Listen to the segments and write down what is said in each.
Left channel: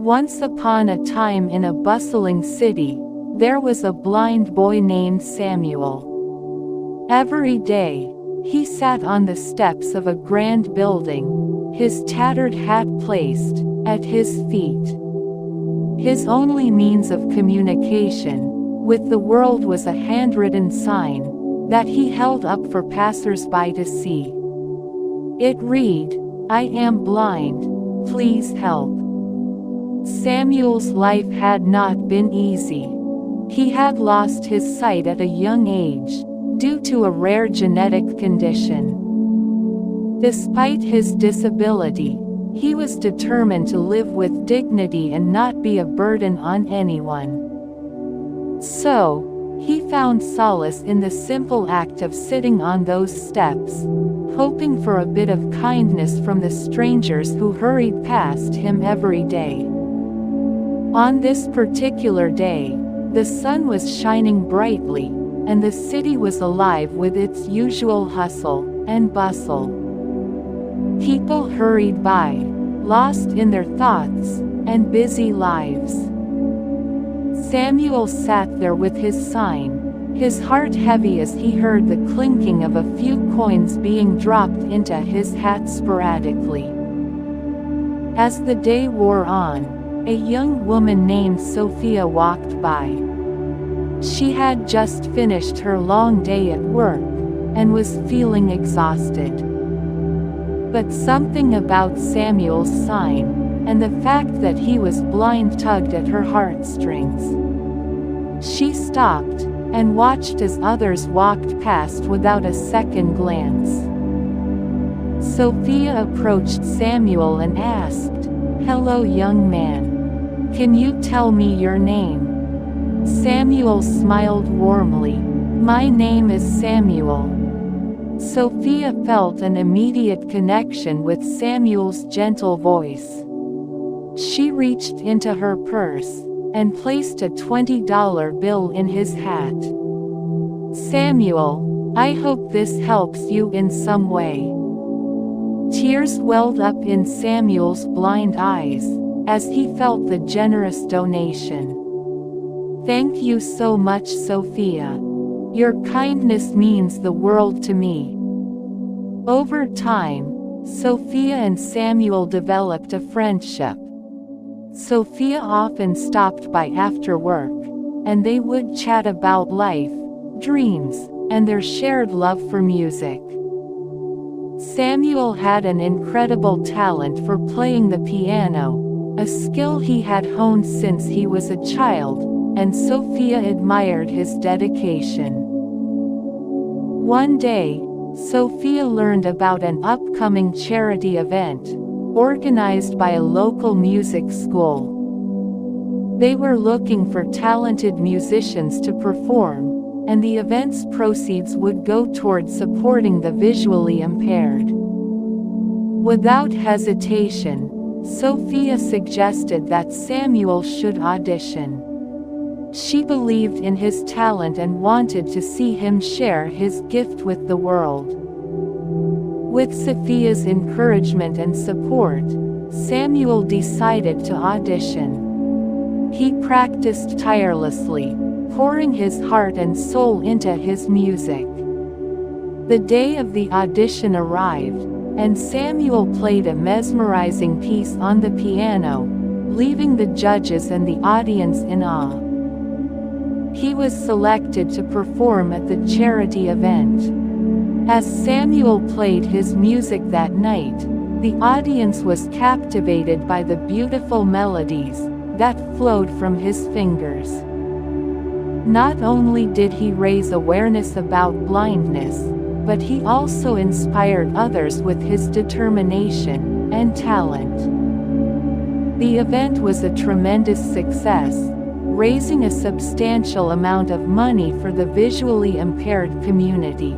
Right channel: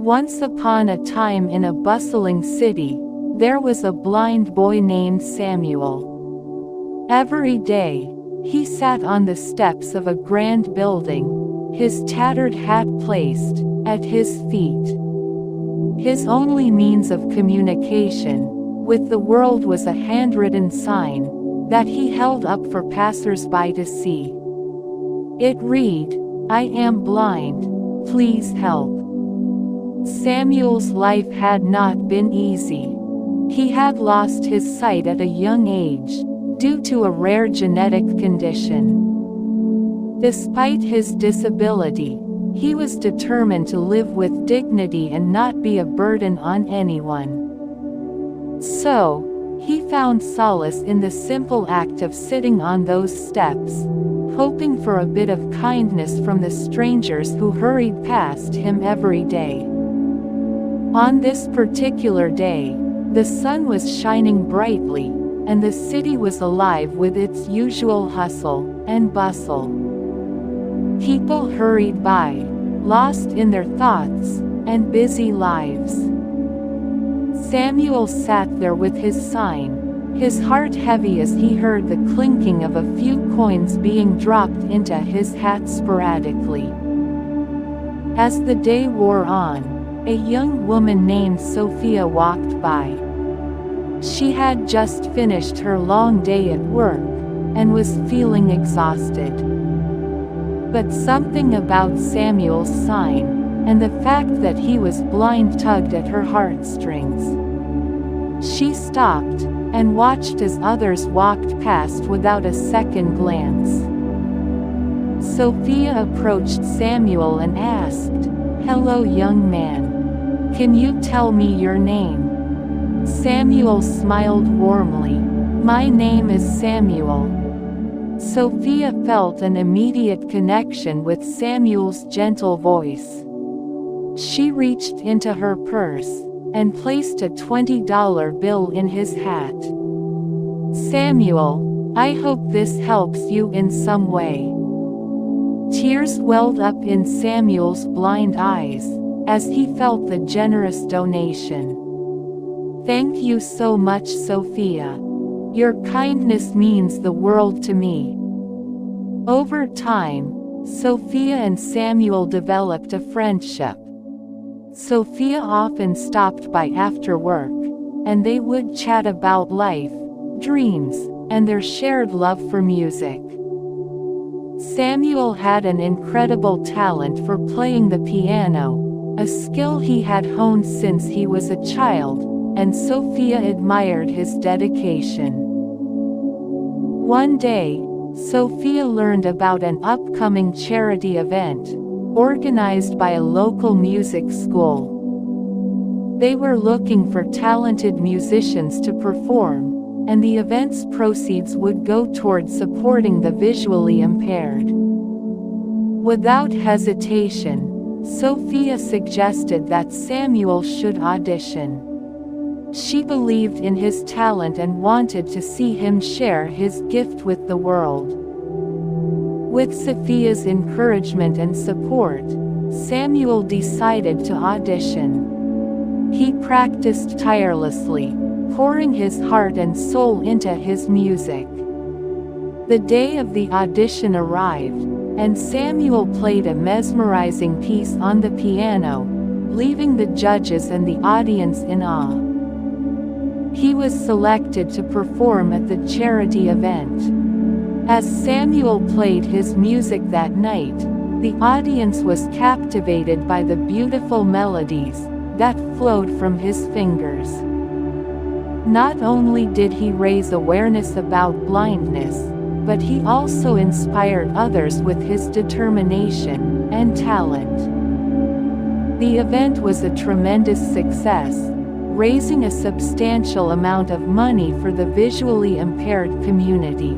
Once upon a time in a bustling city, there was a blind boy named Samuel. Every day, he sat on the steps of a grand building, his tattered hat placed at his feet. His only means of communication with the world was a handwritten sign that he held up for passers-by to see. It read, "I am blind, please help." Samuel's life had not been easy. He had lost his sight at a young age, due to a rare genetic condition. Despite his disability, he was determined to live with dignity and not be a burden on anyone. So, he found solace in the simple act of sitting on those steps, hoping for a bit of kindness from the strangers who hurried past him every day. On this particular day, the sun was shining brightly, and the city was alive with its usual hustle and bustle. People hurried by, lost in their thoughts and busy lives. Samuel sat there with his sign, his heart heavy as he heard the clinking of a few coins being dropped into his hat sporadically. As the day wore on, a young woman named Sophia walked by. She had just finished her long day at work, and was feeling exhausted. But something about Samuel's sign, and the fact that he was blind tugged at her heartstrings. She stopped, and watched as others walked past without a second glance. Sophia approached Samuel and asked, "Hello, young man. Can you tell me your name?" Samuel smiled warmly. "My name is Samuel." Sophia felt an immediate connection with Samuel's gentle voice. She reached into her purse, and placed a $20 bill in his hat. "Samuel, I hope this helps you in some way." Tears welled up in Samuel's blind eyes, as he felt the generous donation. "Thank you so much, Sophia. Your kindness means the world to me." Over time, Sophia and Samuel developed a friendship. Sophia often stopped by after work, and they would chat about life, dreams, and their shared love for music. Samuel had an incredible talent for playing the piano, a skill he had honed since he was a child, and Sophia admired his dedication. One day, Sophia learned about an upcoming charity event, organized by a local music school. They were looking for talented musicians to perform, and the event's proceeds would go toward supporting the visually impaired. Without hesitation, Sophia suggested that Samuel should audition. She believed in his talent and wanted to see him share his gift with the world. With Sophia's encouragement and support, Samuel decided to audition. He practiced tirelessly, pouring his heart and soul into his music. The day of the audition arrived, and Samuel played a mesmerizing piece on the piano, leaving the judges and the audience in awe. He was selected to perform at the charity event. As Samuel played his music that night, the audience was captivated by the beautiful melodies that flowed from his fingers. Not only did he raise awareness about blindness, but he also inspired others with his determination and talent. The event was a tremendous success, raising a substantial amount of money for the visually impaired community.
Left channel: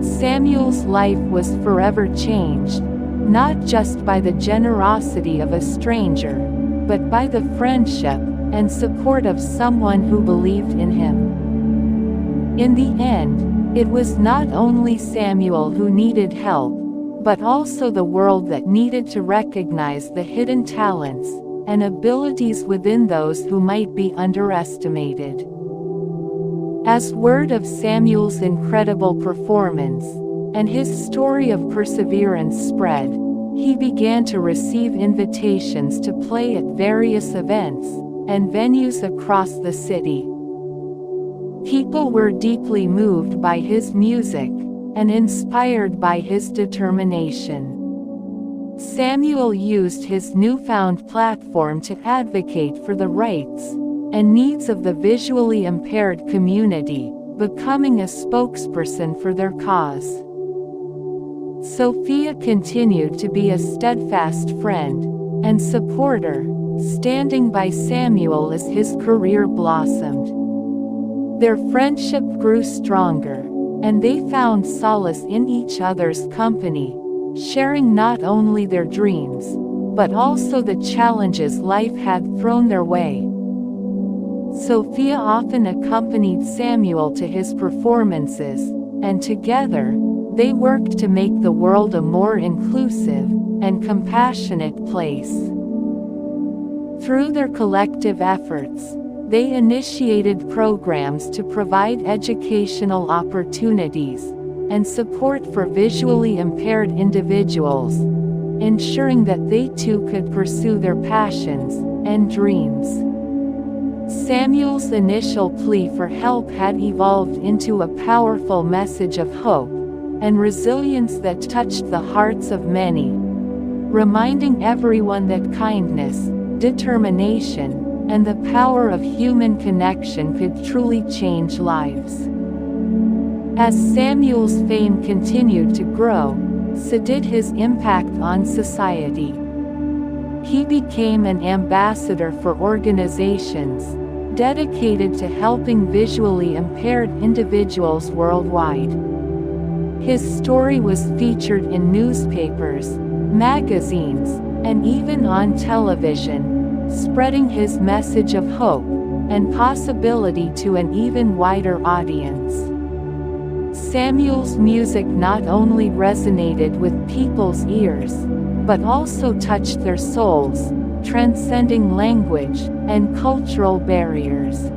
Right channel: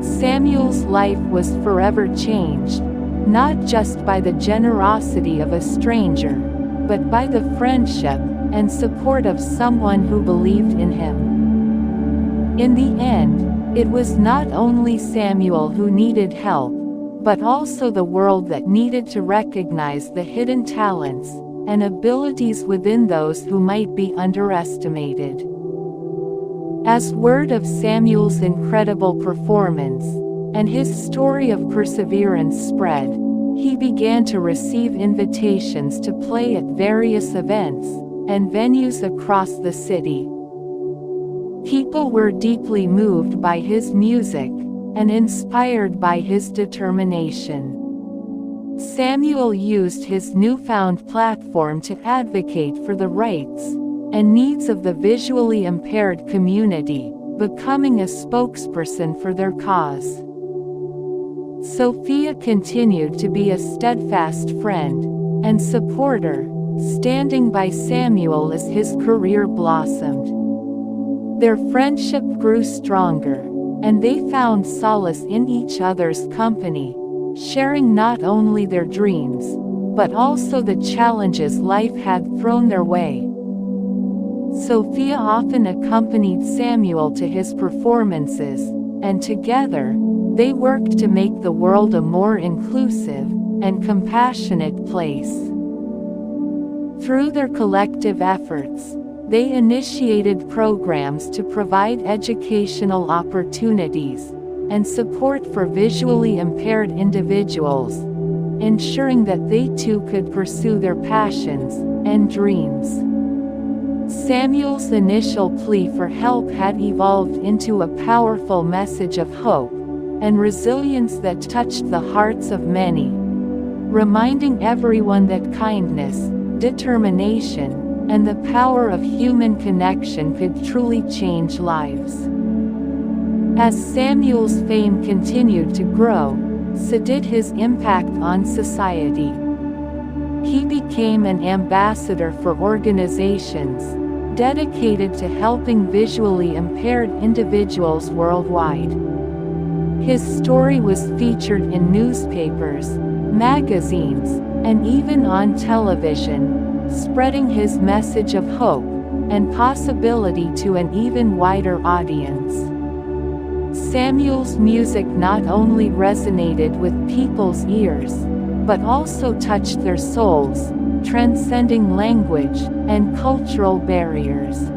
Samuel's life was forever changed, not just by the generosity of a stranger, but by the friendship and support of someone who believed in him. In the end, it was not only Samuel who needed help, but also the world that needed to recognize the hidden talents and abilities within those who might be underestimated. As word of Samuel's incredible performance, and his story of perseverance spread, he began to receive invitations to play at various events and venues across the city. People were deeply moved by his music and inspired by his determination. Samuel used his newfound platform to advocate for the rights and needs of the visually impaired community, becoming a spokesperson for their cause. Sophia continued to be a steadfast friend and supporter, standing by Samuel as his career blossomed. Their friendship grew stronger, and they found solace in each other's company, sharing not only their dreams, but also the challenges life had thrown their way. Sophia often accompanied Samuel to his performances, and together, they worked to make the world a more inclusive and compassionate place. Through their collective efforts, they initiated programs to provide educational opportunities and support for visually impaired individuals, ensuring that they too could pursue their passions and dreams. Samuel's initial plea for help had evolved into a powerful message of hope and resilience that touched the hearts of many, reminding everyone that kindness, determination, and the power of human connection could truly change lives. As Samuel's fame continued to grow, so did his impact on society. He became an ambassador for organizations dedicated to helping visually impaired individuals worldwide. His story was featured in newspapers, magazines, and even on television, spreading his message of hope and possibility to an even wider audience. Samuel's music not only resonated with people's ears, but also touched their souls, transcending language and cultural barriers.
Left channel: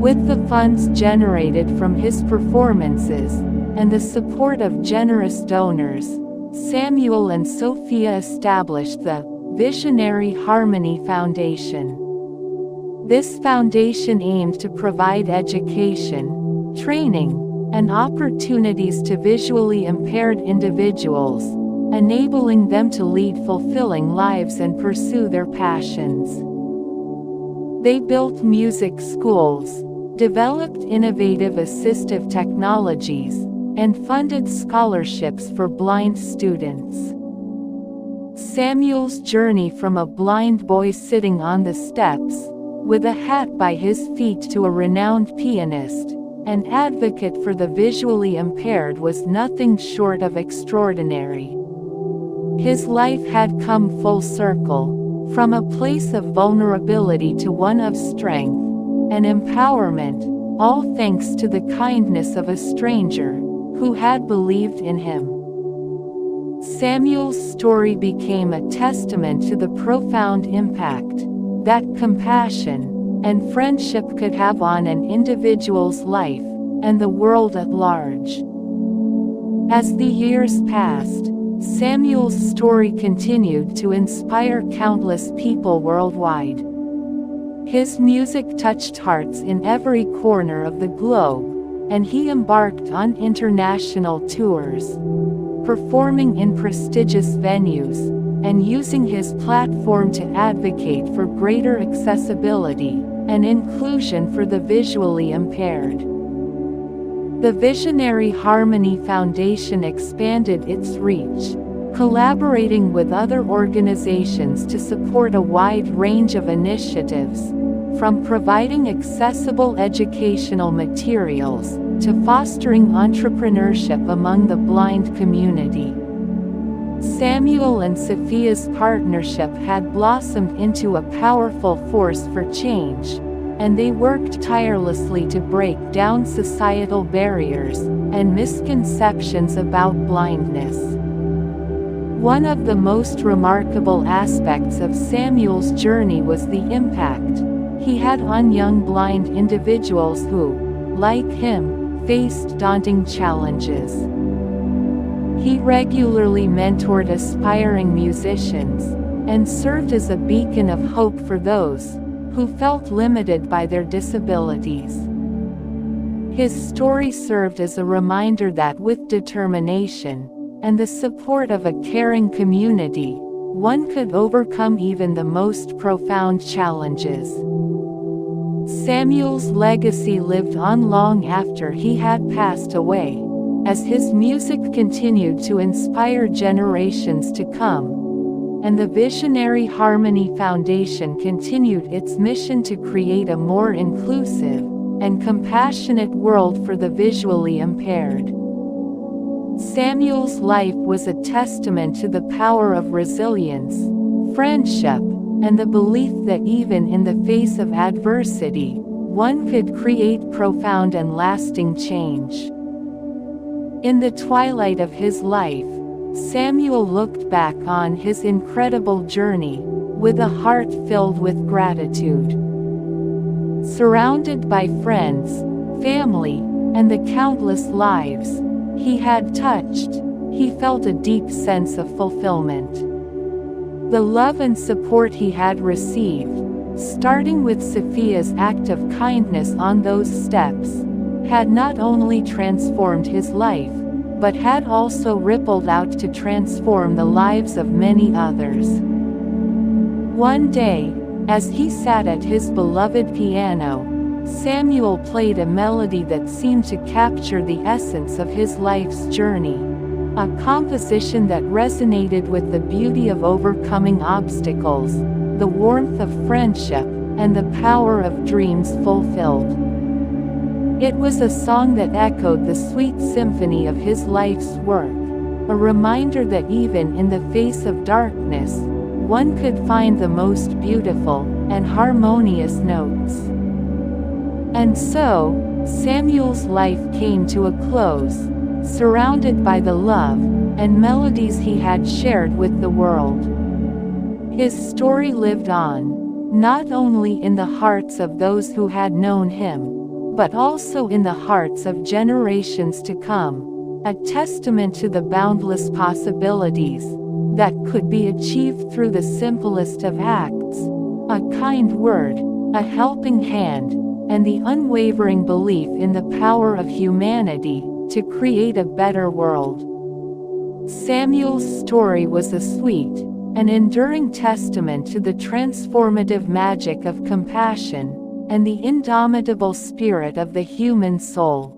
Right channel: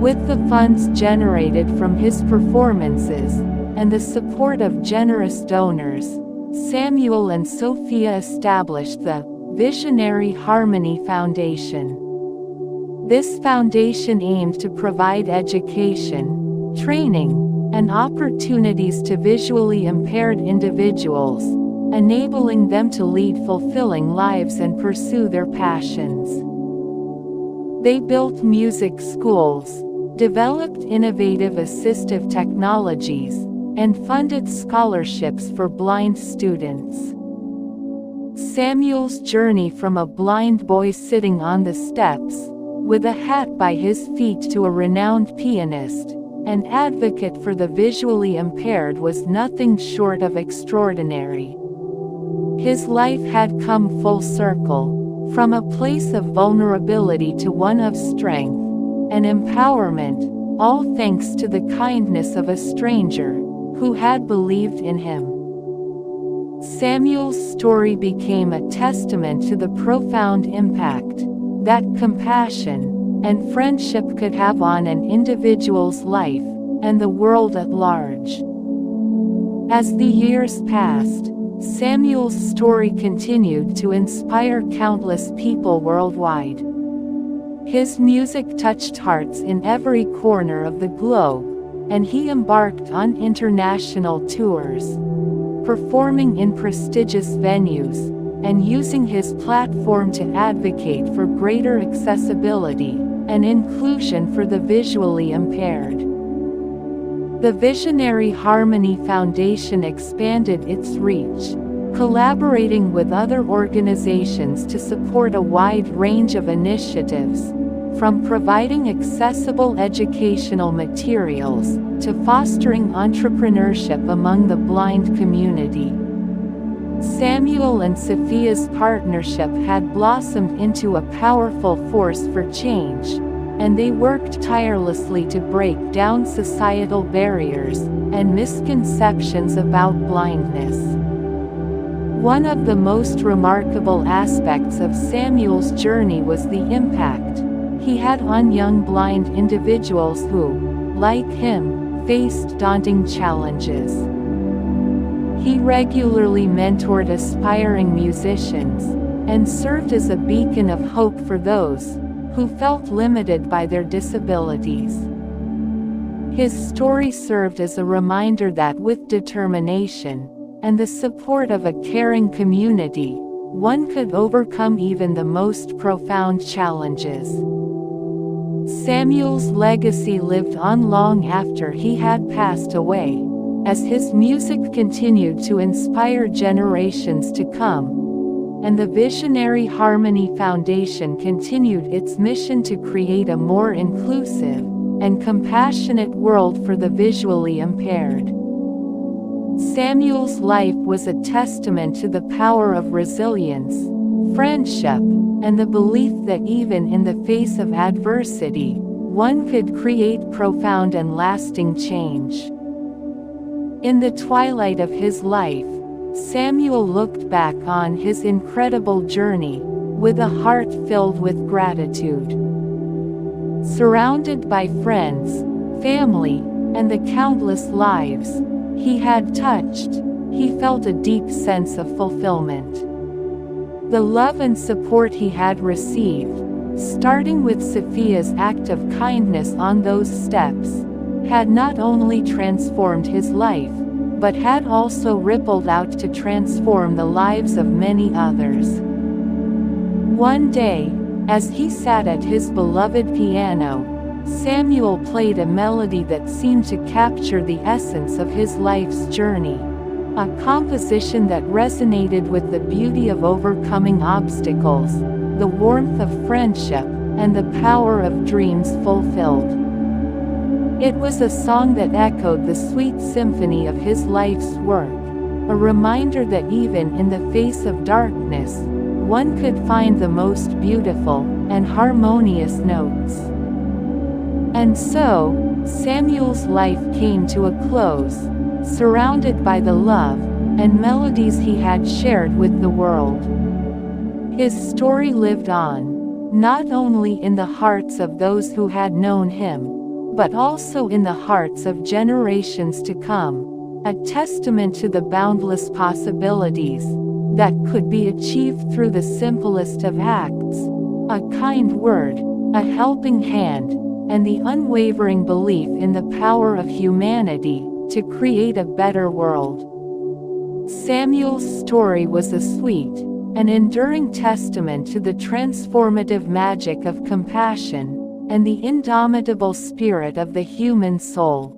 With the funds generated from his performances, and the support of generous donors, Samuel and Sophia established the Visionary Harmony Foundation. This foundation aimed to provide education, training, and opportunities to visually impaired individuals, enabling them to lead fulfilling lives and pursue their passions. They built music schools, developed innovative assistive technologies, and funded scholarships for blind students. Samuel's journey from a blind boy sitting on the steps, with a hat by his feet, to a renowned pianist, an advocate for the visually impaired, was nothing short of extraordinary. His life had come full circle, from a place of vulnerability to one of strength and empowerment, all thanks to the kindness of a stranger who had believed in him. Samuel's story became a testament to the profound impact that compassion and friendship could have on an individual's life and the world at large. As the years passed, Samuel's story continued to inspire countless people worldwide. His music touched hearts in every corner of the globe, and he embarked on international tours, performing in prestigious venues, and using his platform to advocate for greater accessibility and inclusion for the visually impaired. The Visionary Harmony Foundation expanded its reach, collaborating with other organizations to support a wide range of initiatives, from providing accessible educational materials to fostering entrepreneurship among the blind community. Samuel and Sophia's partnership had blossomed into a powerful force for change, and they worked tirelessly to break down societal barriers and misconceptions about blindness. One of the most remarkable aspects of Samuel's journey was the impact he had on young blind individuals who, like him, faced daunting challenges. He regularly mentored aspiring musicians, and served as a beacon of hope for those who felt limited by their disabilities. His story served as a reminder that with determination, and the support of a caring community, one could overcome even the most profound challenges. Samuel's legacy lived on long after he had passed away, as his music continued to inspire generations to come, and the visionary Harmony Foundation continued its mission to create a more inclusive and compassionate world for the visually impaired. Samuel's life was a testament to the power of resilience, friendship, and the belief that even in the face of adversity, one could create profound and lasting change. In the twilight of his life, Samuel looked back on his incredible journey with a heart filled with gratitude. Surrounded by friends, family, and the countless lives he had touched, he felt a deep sense of fulfillment. The love and support he had received, starting with Sophia's act of kindness on those steps, had not only transformed his life, but had also rippled out to transform the lives of many others. One day, as he sat at his beloved piano, Samuel played a melody that seemed to capture the essence of his life's journey, a composition that resonated with the beauty of overcoming obstacles, the warmth of friendship, and the power of dreams fulfilled. It was a song that echoed the sweet symphony of his life's work, a reminder that even in the face of darkness, one could find the most beautiful and harmonious notes. And so, Samuel's life came to a close, surrounded by the love and melodies he had shared with the world. His story lived on, not only in the hearts of those who had known him, but also in the hearts of generations to come, a testament to the boundless possibilities that could be achieved through the simplest of acts, a kind word, a helping hand, and the unwavering belief in the power of humanity to create a better world. Samuel's story was a sweet and enduring testament to the transformative magic of compassion and the indomitable spirit of the human soul.